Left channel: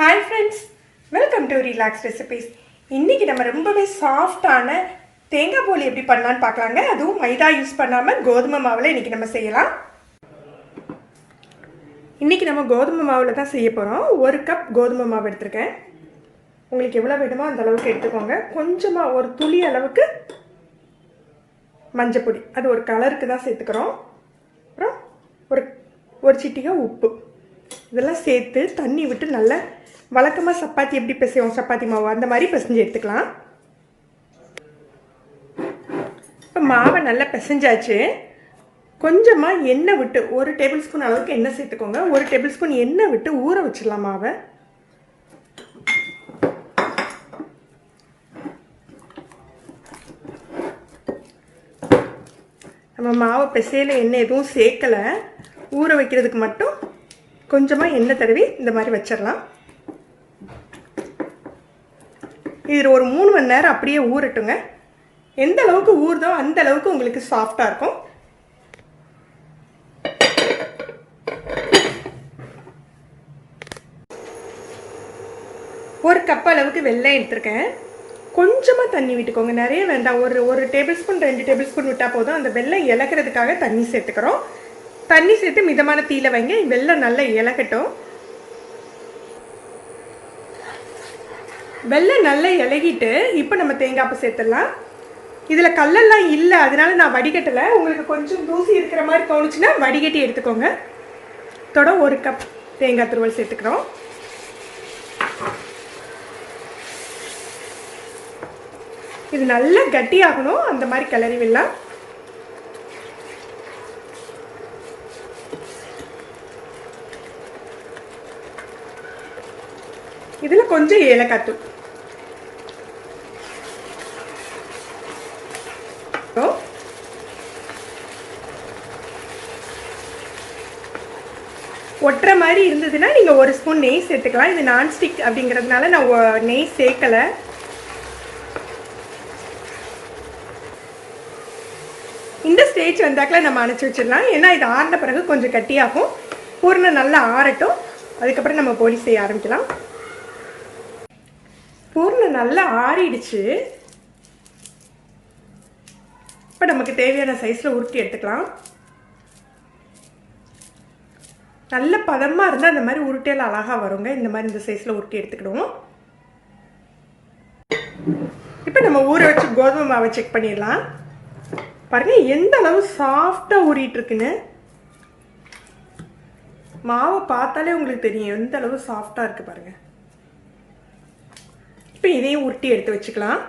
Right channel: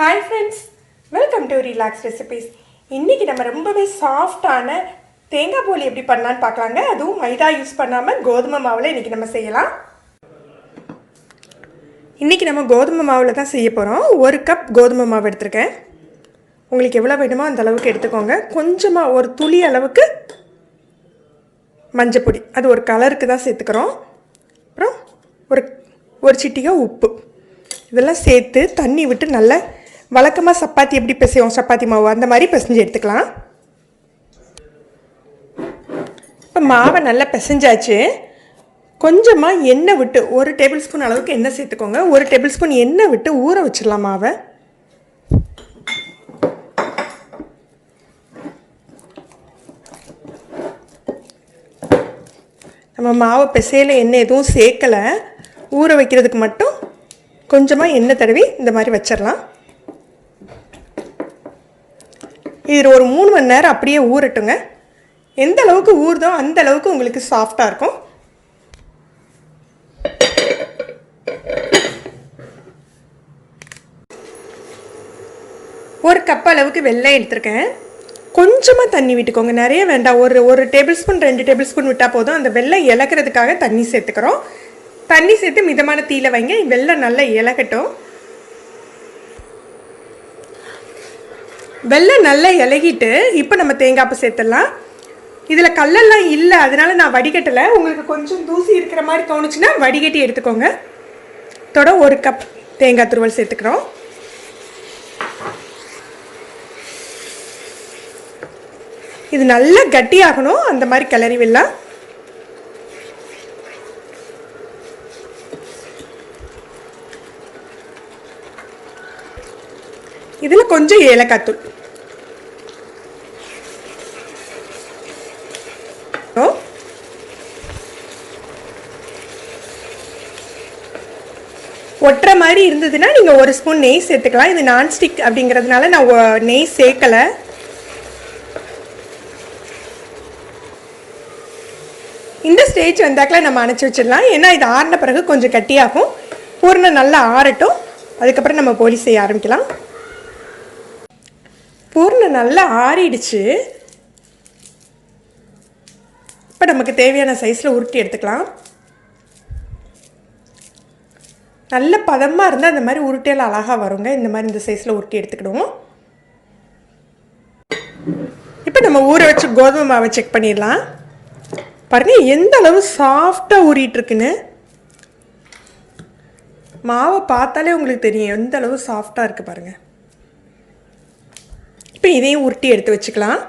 Hi friends, welcome to relax recipes. இன்றைக்கி நம்ம ரொம்பவே சாஃப்டான தேங்காய் போலி எப்படி பண்ணலான்னு பார்க்கலாங்க. அதுவும் மைதா யூஸ் பண்ணாமல் கோதுமை மாவில் இன்றைக்கி நம்ம செய்யலாம். இன்றைக்கி நம்ம கோதுமை மாவில் தான் செய்ய போகிறோம். 1 கப் கோதுமை மாவு எடுத்துருக்கேன். உங்களுக்கு எவ்வளோ வேணுமோ அந்த அளவுக்கு எடுத்துக்கோங்க. கொஞ்சமாக ஒரு துளி அளவுக்கு மஞ்சப்பொடி, அது ஒரு கலருக்கு தான் சேர்த்துக்கிறோம். அப்புறம் ஒரு சிட்டிகை உப்பு, இதெல்லாம் சேர்த்து தண்ணி விட்டு நல்லா வழக்கமாக சப்பாத்தி எப்படி பிசைவோம், சப்பாத்தி மாவு அந்த மாதிரி பிசைஞ்சு எடுத்துக்கலாம். இப்போ மாவை நல்லா பிசைஞ்சாச்சு. கொஞ்சமாக எண்ணெய் விட்டு 1 டேபிள் ஸ்பூன் அளவுக்கு எண்ணெய் சேர்த்துக்கோங்க. 1 டேபிள் ஸ்பூன் எண்ணெய் விட்டு ஊற வச்சிடலாம் மாவை. நம்ம மாவை பிசையில் எண்ணெய் எதுவும் சேர்க்கலை, ஊற வைக்கிறதுக்கு மட்டும் கொஞ்சமாக எண்ணெய் தடவி இந்த மாதிரி வச்சிடலாம். இது ஒரு 3 மணி நேரம் அப்படியே ஊறட்டுங்க. எந்த அளவுக்கு ஊறுதோ அந்த அளவுக்கு உங்களுக்கு சாஃப்டாக இருக்கும். ஒரு கப் அளவுக்கு வெல்லம் எடுத்துருக்கேன். கொஞ்சமாக தண்ணி விட்டுக்கோங்க, நிறைய வேண்டாம். ஒரு டேபிள் ஸ்பூன் 2 டேபிள் ஸ்பூன் விட்டால் போதும். அந்த வெல்லம் இலக்கிறதுக்காக தண்ணி சேர்த்துக்கிறோம். தண்ணி சேர்த்து மிதமான தீயில வைங்க. வெல்லம் நல்லா இலகட்டும். வெல்லம் நல்லா இலகிட்டு இப்போ நம்ம தேங்காய் பூ சேர்த்துடலாம். இதில் கல்லெல்லாம் இல்லை, அதனால நான் வடிகட்டலை. உங்களுக்கு கொஞ்சம் தூசி இருக்கிற மாதிரி தோணுச்சுன்னா வடிகட்டி எடுத்துக்கோங்க. தொட 1 கப் தேங்காய் துருவல் சேர்த்துக்கிறோம். இது நல்லா கட்டியாகணும், அந்த மாதிரி கிளறி விடலாம். இதில் கொஞ்சம் ஏலக்காய் தூள், ஒட்டுற மாதிரி இருந்ததுன்னா நீங்கள் 1 ஸ்பூன் நெய் சேர்த்துக்கலாம். இது நான்ஸ்டிக் அப்படிங்கிறதுனால நான் நெய் சேர்க்கலை. இந்த ஸ்டேஜ் வந்தாக்கில் நம்ம அணைச்சி வச்சிடலாம். ஏன்னா இது ஆறின பிறகு கொஞ்சம் கட்டியாகும். பூர்ணம் நல்லா ஆறட்டும், அதுக்கப்புறம் நம்ம போலி செய்ய ஆரம்பிக்கலாம். பூர்ணம் நல்லா ஆறிடுச்சு. இப்போ நமக்கு தேவையான சைஸில் உருட்டி எடுத்துக்கலாம். நல்ல பதமாக இருந்தால் அந்த மாதிரி உருட்டியால் அழகாக வருங்க. இந்த மாதிரி இந்த சைஸில் உருட்டி எடுத்துக்கிடுவோம். இப்போ நம்ம ஊற வச்சு கோதுமை மாவை செக் பண்ணிடலாம். பாருங்கள் எந்த அளவு சாஃப்டாக ஊறிட்டுருக்குன்னு. மாவை பார்த்தாலே உங்களுக்கு தெரியும் எந்த அளவு சாஃப்டாக இருக்குது பாருங்கள். இப்போ இதையும் உருட்டி எடுத்து வச்சுக்கலாம்.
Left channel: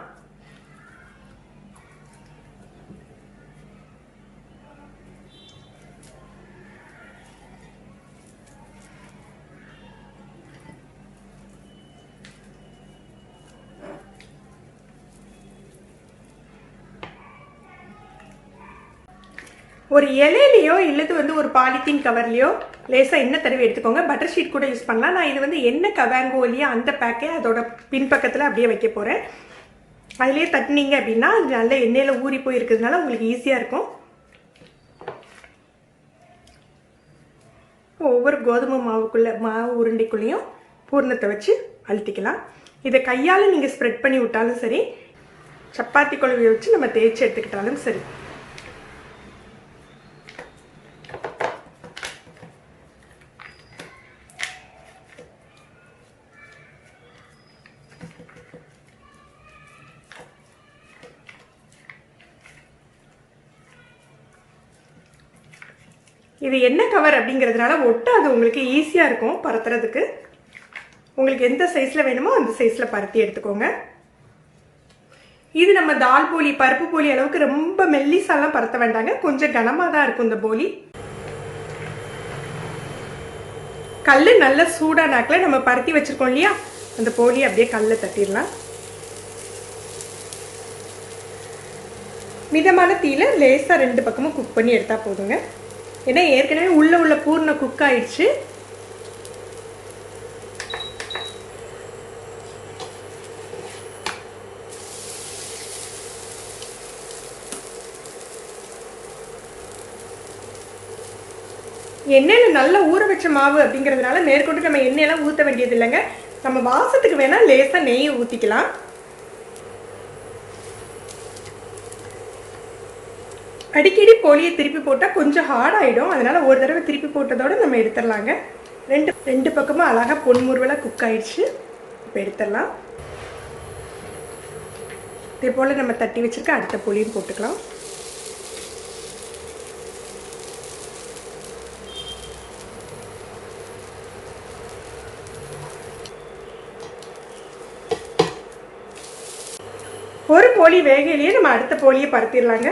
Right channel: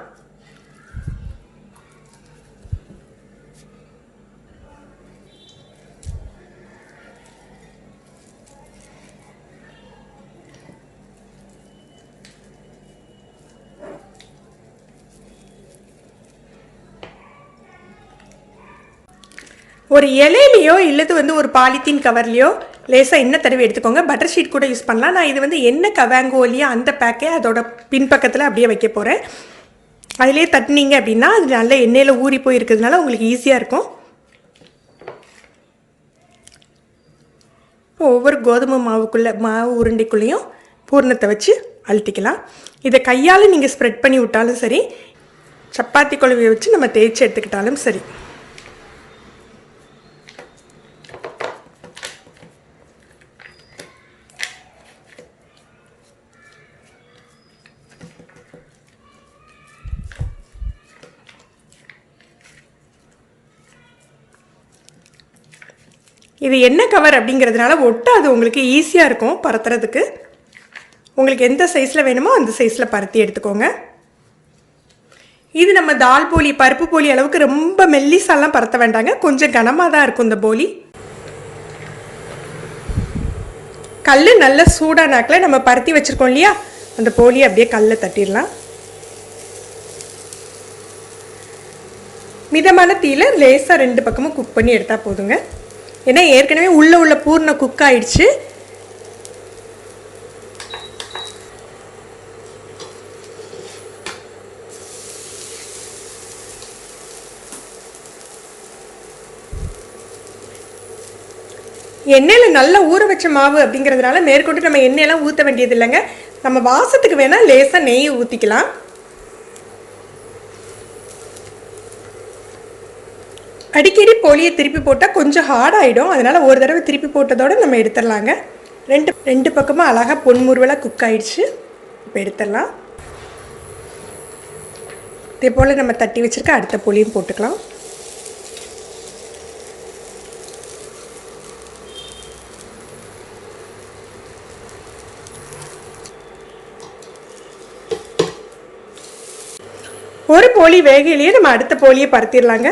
ஒரு இலையிலையோ இல்லது ஒரு பாலித்தீன் கவர்லையோ லேசாக எண்ணெய் தடவி எடுத்துக்கோங்க. பட்டர் ஷீட் கூட யூஸ் பண்ணலாம். நான் இது எண்ணெய் கவாங்கோலியோ அந்த பேக்கே அதோட பின்பக்கத்தில் அப்படியே வைக்க போகிறேன். அதிலே தட்டினீங்க அப்படின்னா அது நல்ல எண்ணெயில் ஊறி போய் இருக்கிறதுனால உங்களுக்கு ஈஸியாக இருக்கும். ஒவ்வொரு கோதுமை மாவு உருண்டைக்குள்ளேயும் பூர்ணத்தை வச்சு அழுத்திக்கலாம். இதை கையால் நீங்கள் ஸ்ப்ரெட் பண்ணி விட்டாலும் சரி, சப்பாத்தி குழவியை வச்சு நம்ம தேய்ச்சி எடுத்துக்கிட்டாலும் சரி. இது எண்ணெய் கவர் அப்படிங்கிறதுனால ஒட்டாது, உங்களுக்கு ஈஸியாக இருக்கும் பரத்துறதுக்கு. உங்களுக்கு எந்த சைஸில் வேணுமோ அந்த சைஸில் பருத்தி எடுத்துக்கோங்க. இது நம்ம தால் போலி, பருப்பு போலி அளவுக்கு ரொம்ப மெல்லிசாலாம் பரத்த வேண்டாங்க. கொஞ்சம் கனமாக தான் இருக்கும் இந்த போலி. கல் நல்ல சூடானாக்கில் நம்ம பருத்தி வச்சுருக்கோம் இல்லையா, அந்த போலி அப்படியே கல்லில் தட்டிடலாம். மிதமான தீயில லேசாக 2 பக்கமும் குக் பண்ணி எடுத்தால் போதுங்க. ஏன்னா ஏற்கனவே உள்ள பூர்ண குக் ஆயிடுச்சு. எண்ணெயில் நல்லா ஊற வச்ச மாவு அப்படிங்கிறதுனால மேற்கொண்டு நம்ம எண்ணெயெல்லாம் ஊற்ற வேண்டியது இல்லைங்க. நம்ம வாசத்துக்கு வேணால் லேசாக நெய் ஊற்றிக்கலாம். அடிக்கடி போலியை திருப்பி போட்டால் கொஞ்சம் ஹார்ட் ஆகிடும். அதனால் ஒரு தடவை திருப்பி போட்டதோடு நம்ம எடுத்துடலாங்க. ரெண்டு பக்கமும் அழகாக பொன்முருவலாக குக் ஆகிடுச்சு. இப்போ எடுத்துடலாம். இதே போல் நம்ம தட்டி வச்சுருக்க அடுத்த போலியும் போட்டுக்கலாம். ஒரு போலி வேகையிலேயே நம்ம அடுத்த போலியை பரத்திடலாங்க.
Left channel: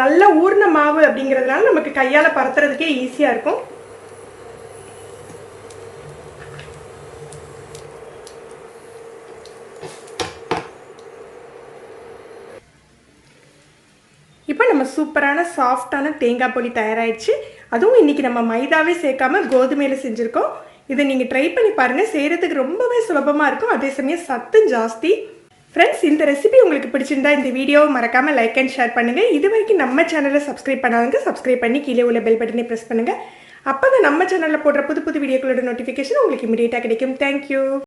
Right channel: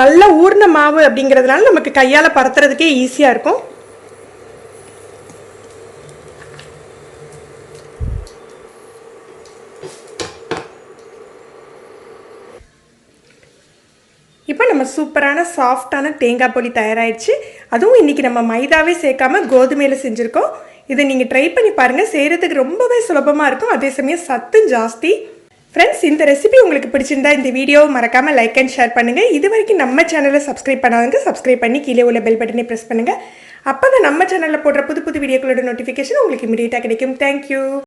நல்லா ஊர்ன மாவு அப்படிங்கிறதுனால நமக்கு கையால் பரத்துறதுக்கே ஈஸியாக இருக்கும். இப்போ நம்ம சூப்பரான சாஃப்டான தேங்காய் போலி தயாராகிடுச்சு. அதுவும் இன்றைக்கி நம்ம மைதாவே சேர்க்காம கோதுமையில் செஞ்சுருக்கோம். இதை நீங்கள் ட்ரை பண்ணி பாருங்கள். செய்கிறதுக்கு ரொம்பவே சுலபமாக இருக்கும், அதே சமயம் சத்தும் ஜாஸ்தி. ஃப்ரெண்ட்ஸ், இந்த ரெசிபி உங்களுக்கு பிடிச்சிருந்தா இந்த வீடியோவை மறக்காமல் லைக் அண்ட் ஷேர் பண்ணுங்கள். இது வரைக்கும் நம்ம சேனலை சப்ஸ்கிரைப் பண்ணாதவங்க சப்ஸ்கிரைப் பண்ணி கீழே உள்ள பெல் பட்டனை ப்ரெஸ் பண்ணுங்கள். அப்போ தான் நம்ம சேனலில் போடுற புது புது வீடியோக்களோட நோட்டிஃபிகேஷன் உங்களுக்கு இமீடியட்டாக கிடைக்கும். தேங்க்யூ.